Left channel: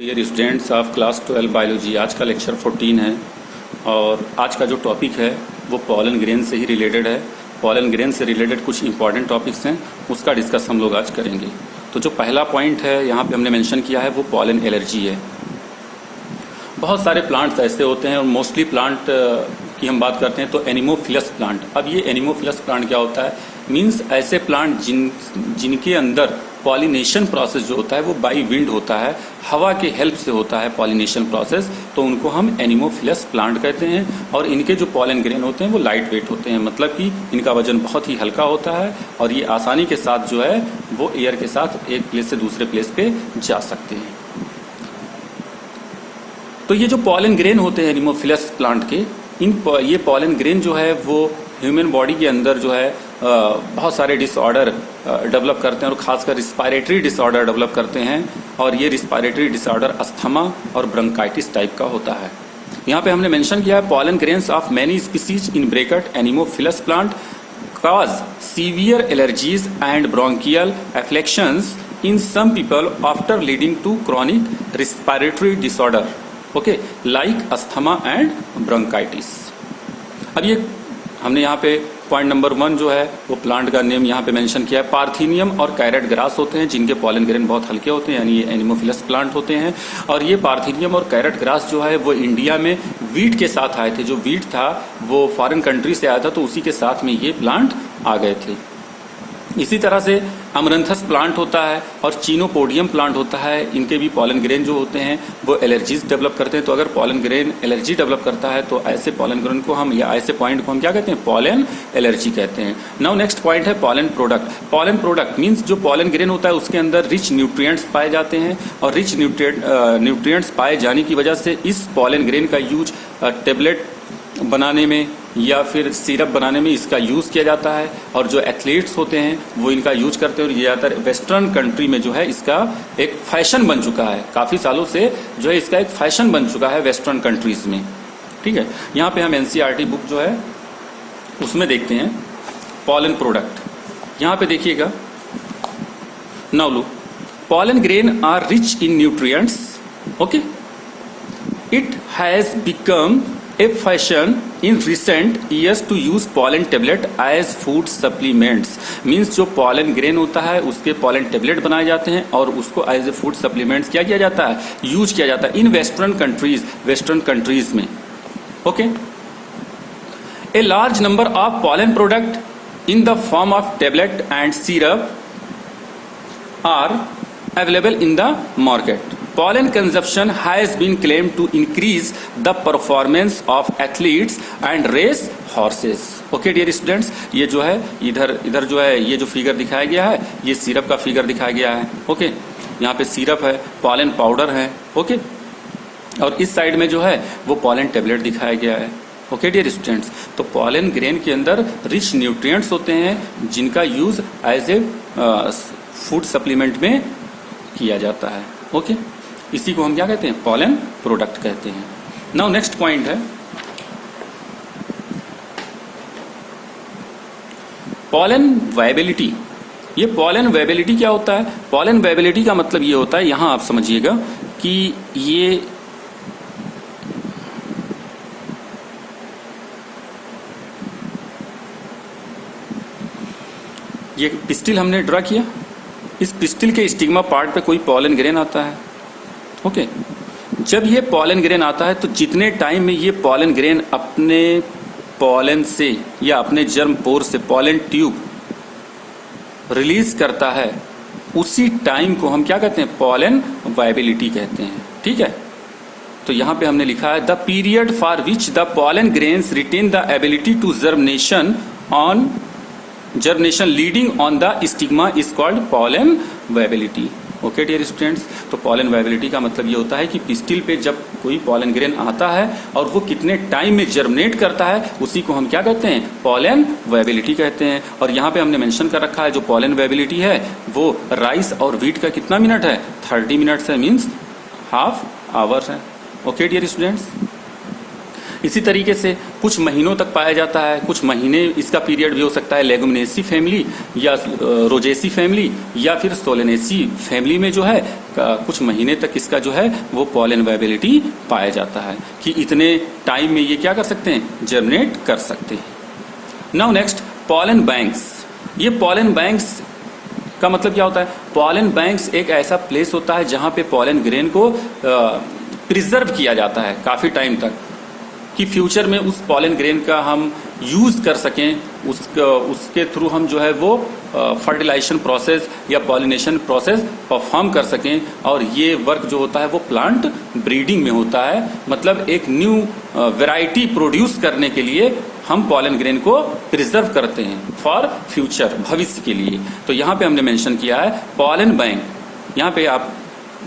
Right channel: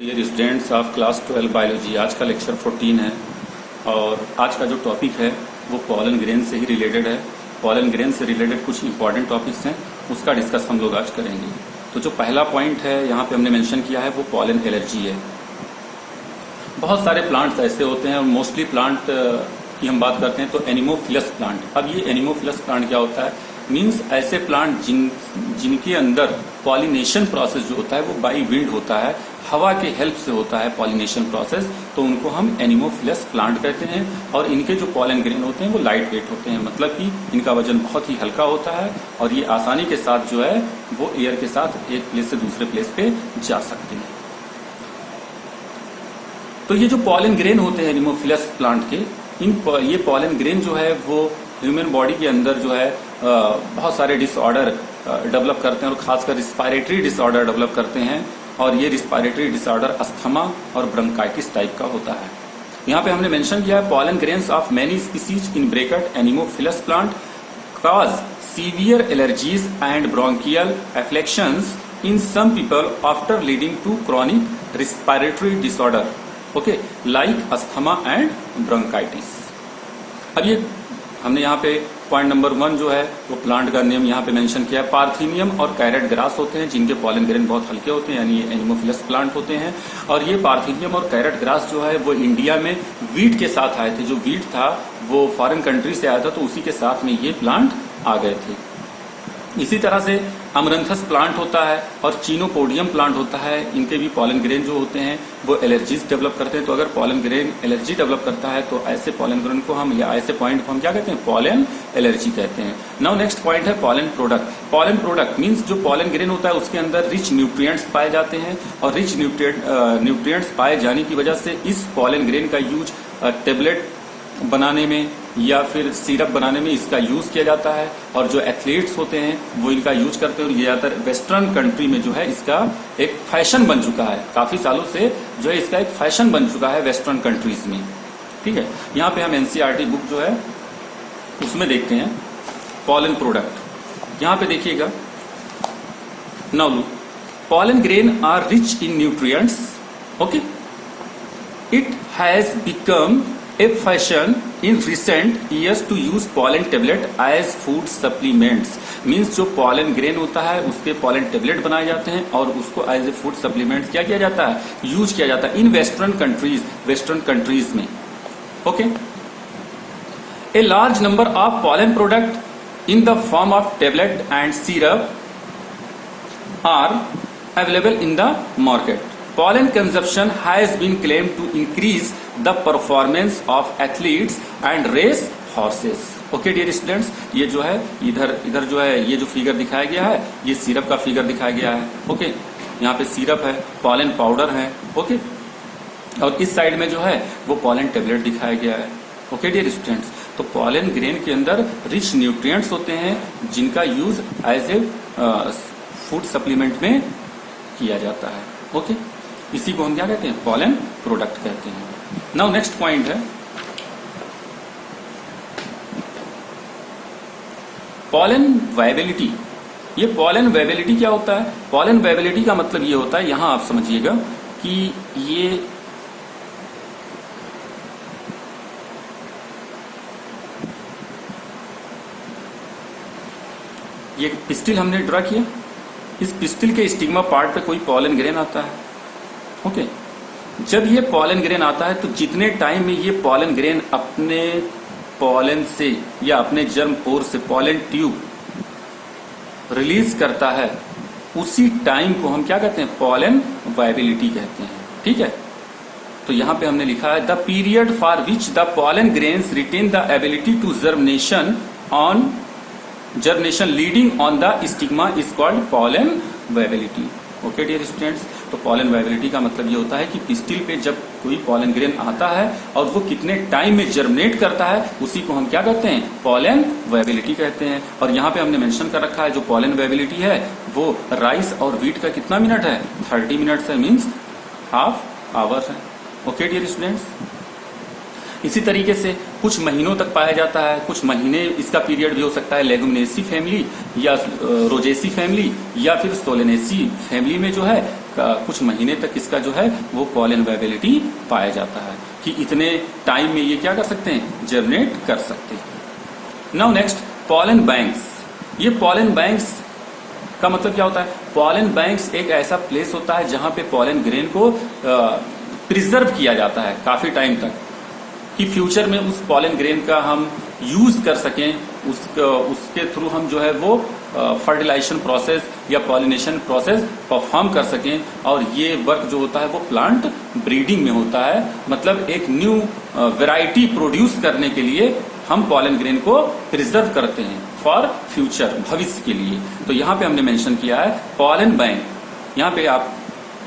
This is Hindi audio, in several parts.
Dear students of class 12 biology, आज का लेक्चर 14 है और आज का जो टॉपिक है वो पॉलन ग्रेन से ही रिलेटेड है। पॉलन ग्रेन से रिलेटेड कुछ इंपॉर्टेंट टॉपिक्स हैं, उसका डिस्कस हम लोग आज करेंगे। तो जो पहला पॉइंट है यहाँ पे हमने मेंशन किया है वो पॉलन एलर्जी है। बहुत सारे प्लांट्स ऐसे होते हैं और मोस्टली प्लांट की हम बात करते हैं तो एनिमोफिलस प्लांट। अब ये एनिमोफिलस प्लांट क्या होता है, मीन्स ऐसे प्लांट जिनके अंदर पॉलिनेशन प्रोसेस जो होता है वो बाई विंड होता है, हवा के हेल्प से होता है पॉलिनेशन प्रोसेस, तो उनको हम एनिमोफिलस प्लांट कहते हैं। और इनके जो पॉलन ग्रेन होते हैं वो लाइट वेट होते हैं, मतलब कि इनका वजन बहुत ही हल्का होता है और ये आसानी के साथ जो है वो एयर के साथ एक प्लेस से दूसरे प्लेस पे जा सकते हैं। तो ये जो पॉलन ग्रेन होते हैं एनिमोफिलस प्लांट के, ये पॉलन ग्रेन जो है वो ह्यूमन बॉडी के अंदर जो है बहुत सारे डिसऑर्डर डेवलप करते हैं और खासकर रिस्पायरेटरी डिसऑर्डर डेवलप करते हैं। और ये रिस्पायरेटरी डिसऑर्डर अस्थमा और ब्रोंकाइटिस टाइप का होता है। यहाँ पे हमने मेंशन किया है pollen grains of many species in bracket anemophilous plant cause severe allergies and bronchial afflictions in some people after leading to chronic respiratory disorder, okay, like asthma and bronchitis। अब ये हमने यहाँ पे पॉइंट नंबर 1 जो है वो प्लांट का नेम यहाँ पे मेंशन किया है। पार्थिनियम और कैरेट ग्रास होते हैं जिनके पॉलन ग्रेन बहुत हल्के होते हैं, यानी ये एनिमोफिलस प्लांट होते हैं। और ये पार्थिनियम और कैरेट ग्रास जो है वो इंडिया में वीट के साथ आए थे। जो वीट था वो फॉरेन कंट्री से आया था, तो उसी के साथ में ये प्लांट आ गए थे। इसी तरह से अमरंथस प्लांट होता है और चीनोपोडियम प्लांट होता है। इनके भी पॉलन ग्रेन जो होते हैं वो एलर्जीज डेवलप करते हैं। तो अगर पॉलन ग्रेन एलर्जी डेवलप करता है तो ऐसे पॉलन ग्रेन को हम या ऐसे पॉइंट को हम क्या कहते हैं, पॉलन एलर्जी कहते हैं। नाउ नेक्स्ट पॉइंट है pollen product. Pollen product means जो पॉलन ग्रेन होता है उसके अंदर रिच न्यूट्रिएंट्स पाए जाते हैं और रिच न्यूट्रिएंट्स पाए जाने की वजह से इस पॉलन ग्रेन का यूज टेबलेट बनाने में या फिर सिरप बनाने में इसका यूज किया जाता है। और जो एथलीट्स होते हैं वो इनका यूज करते हैं और ये ज्यादातर वेस्टर्न कंट्री में जो है इसका एक फैशन बन चुका है। काफी सालों से जो है इसका एक फैशन बन चुका है वेस्टर्न कंट्रीज में। ठीक है, यहाँ पे हम एनसीईआरटी बुक जो है उसमें देखते हैं पॉलन प्रोडक्ट। यहाँ पे देखिएगा, now look, pollen grain are rich in nutrients, okay, it has become a fashion in recent years to use pollen tablet as food supplements। Means जो pollen grain होता है उसके pollen tablet बनाए जाते हैं और उसको as a food supplements क्या किया जाता है, यूज किया जाता है इन वेस्टर्न कंट्रीज में। Okay, a large number of pollen product in the form of tablet and syrup are available in the market। Pollen consumption has been claimed to increase the performance of athletes and race horses। Okay dear students, ये जो है इधर जो है ये जो फिगर दिखाया गया है ये सिरप का फिगर दिखाया गया है। ओके, यहाँ पे सिरप है, पॉलन पाउडर है, ओके, और इस साइड में जो है वो पॉलन टेबलेट दिखाया गया है। ओके डियर स्टूडेंट्स, तो पॉलन ग्रेन के अंदर रिच न्यूट्रिएंट्स होते हैं जिनका use as a food supplement में किया जाता है। ओके, इसी को हम क्या कहते हैं, पॉलन प्रोडक्ट कहते हैं। नाउ नेक्स्ट पॉइंट है पॉलन वायबिलिटी। ये पॉलन वायबिलिटी क्या होता है, पॉलन वायबिलिटी का मतलब ये होता है, यहां आप समझिएगा कि ये पिस्टिल हमने ड्रा किया, इस पिस्टिल के स्टिग्मा पार्ट पे कोई पॉलन ग्रेन आता है। ओके, जब ये पॉलन ग्रेन आता है तो जितने टाइम में ये पॉलन ग्रेन अपने पॉलन से या अपने जर्म पोर से पॉलन ट्यूब रिलीज करता है उसी टाइम को हम क्या कहते हैं, पॉलन वायबिलिटी कहते हैं। ठीक है, तो यहां पे हमने लिखा है the period for which the pollen grains retain the ability to germination leading on the stigma is called pollen viability. Okay dear students, तो पॉलन वायबिलिटी का मतलब ये होता है कि पिस्टिल पे जब कोई पॉलन ग्रेन आता है और वो कितने टाइम में जर्मिनेट करता है उसी को हम क्या कहते हैं, पॉलन वायबिलिटी कहते हैं। और यहाँ पे हमने मेंशन कर रखा है जो पॉलन वायबिलिटी है वो राइस और व्हीट का कितना मिनट है, 30 मिनट्स है, मीन्स हाफ आवर्स है। ओके डियर स्टूडेंट्स, इसी तरीके से कुछ महीनों तक पाया जाता है, कुछ महीने इसका पीरियड भी हो सकता है। लेगुमिनेसी फैमिली या रोजेसी फैमिली या फिर सोलेनेसी फैमिली में जो है कुछ महीने तक इसका जो है वो पॉलन वायबिलिटी पाया जाता है कि इतने टाइम में ये क्या कर सकते हैं, जर्मिनेट कर सकते हैं। Now next, pollen banks. ये पॉलन बैंक्स का मतलब क्या होता है? पॉलन बैंक्स एक ऐसा प्लेस होता है जहां पे पॉलन ग्रेन को प्रिजर्व किया जाता है काफी टाइम तक, कि फ्यूचर में उस पॉलन ग्रेन का हम यूज कर सकें, उसके थ्रू हम जो है वो फर्टिलाइजेशन प्रोसेस या पॉलिनेशन प्रोसेस परफॉर्म कर सकें। और ये वर्क जो होता है वो प्लांट ब्रीडिंग में होता है, मतलब एक न्यू वैरायटी प्रोड्यूस करने के लिए हम पॉलन ग्रेन को प्रिजर्व करते हैं फॉर फ्यूचर, भविष्य के लिए। तो यहाँ पे हमने मेंशन किया है पॉलन बैंक। यहाँ पे आप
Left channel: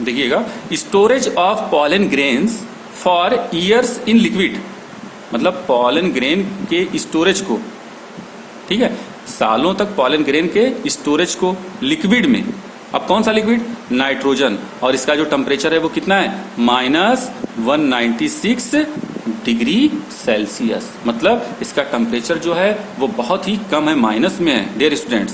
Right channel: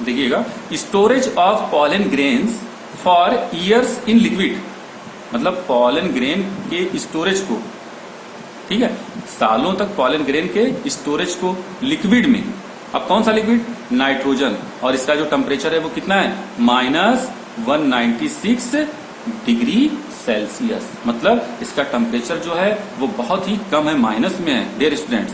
देखिएगा, storage of pollen grains for years in liquid, मतलब पॉलन ग्रेन के स्टोरेज को, ठीक है, सालों तक पॉलन ग्रेन के स्टोरेज को लिक्विड में। अब कौन सा लिक्विड? नाइट्रोजन। और इसका जो टेम्परेचर है वो कितना है? -196 डिग्री सेल्सियस। मतलब इसका टेम्परेचर जो है वो बहुत ही कम है, माइनस में है dear students.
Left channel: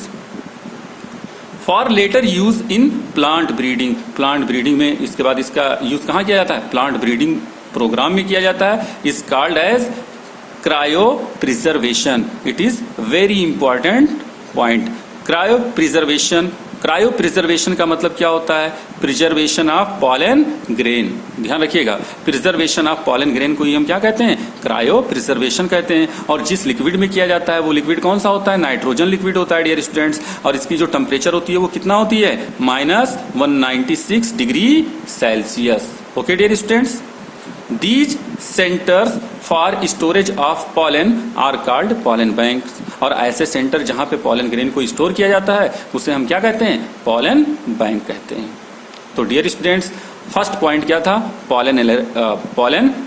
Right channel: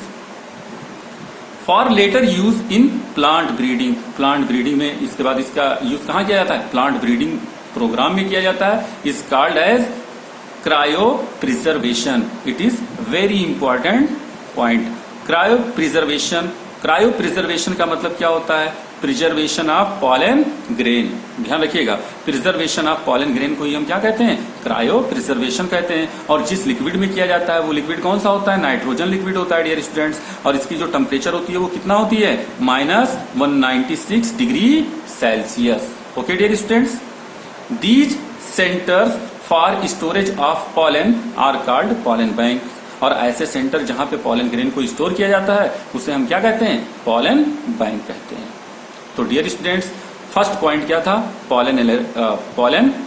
For later use in plant breeding. Plant breeding में इसके बाद इसका यूज कहाँ किया जाता है? प्लांट ब्रीडिंग प्रोग्राम में किया जाता है। Is called as cryopreservation. It is very important point. Cryopreservation. Cryopreservation का मतलब क्या होता है? Preservation of pollen grain. ध्यान रखिएगा, प्रिजर्वेशन ऑफ पॉलन ग्रेन को ही हम क्या कहते हैं? क्रायो प्रिजर्वेशन कहते हैं। और जिस लिक्विड में किया जाता है वो लिक्विड कौन सा होता है? नाइट्रोजन लिक्विड होता है डियर स्टूडेंट्स। और इसकी जो टेम्परेचर होती है वो कितना होती है? -196 degree Celsius. Okay dear students, These centers for storage of pollen are called pollen banks। और ऐसे सेंटर जहां पे पॉलन ग्रेन को स्टोर किया जाता है उसे हम क्या कहते हैं? पॉलन बैंक कहते हैं। तो डियर स्टूडेंट्स, फर्स्ट पॉइंट क्या था? पॉलन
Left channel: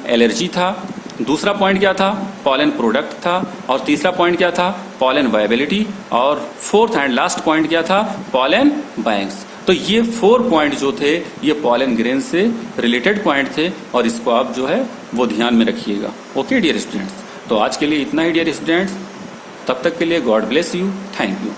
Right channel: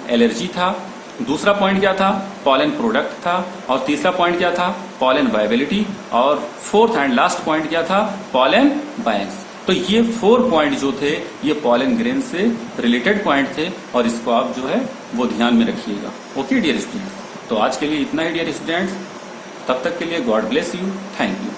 एलर्जी था। दूसरा पॉइंट क्या था? पॉलन प्रोडक्ट था। और तीसरा पॉइंट क्या था? Pollen viability. और फोर्थ एंड लास्ट पॉइंट क्या था? Pollen banks. तो ये 4 पॉइंट जो थे ये पॉलन ग्रेन से रिलेटेड पॉइंट थे और इसको आप जो है वो ध्यान में रखिएगा। ओके डियर स्टूडेंट्स, तो आज के लिए इतना ही डियर स्टूडेंट्स। तब तक के लिए God bless you, thank you.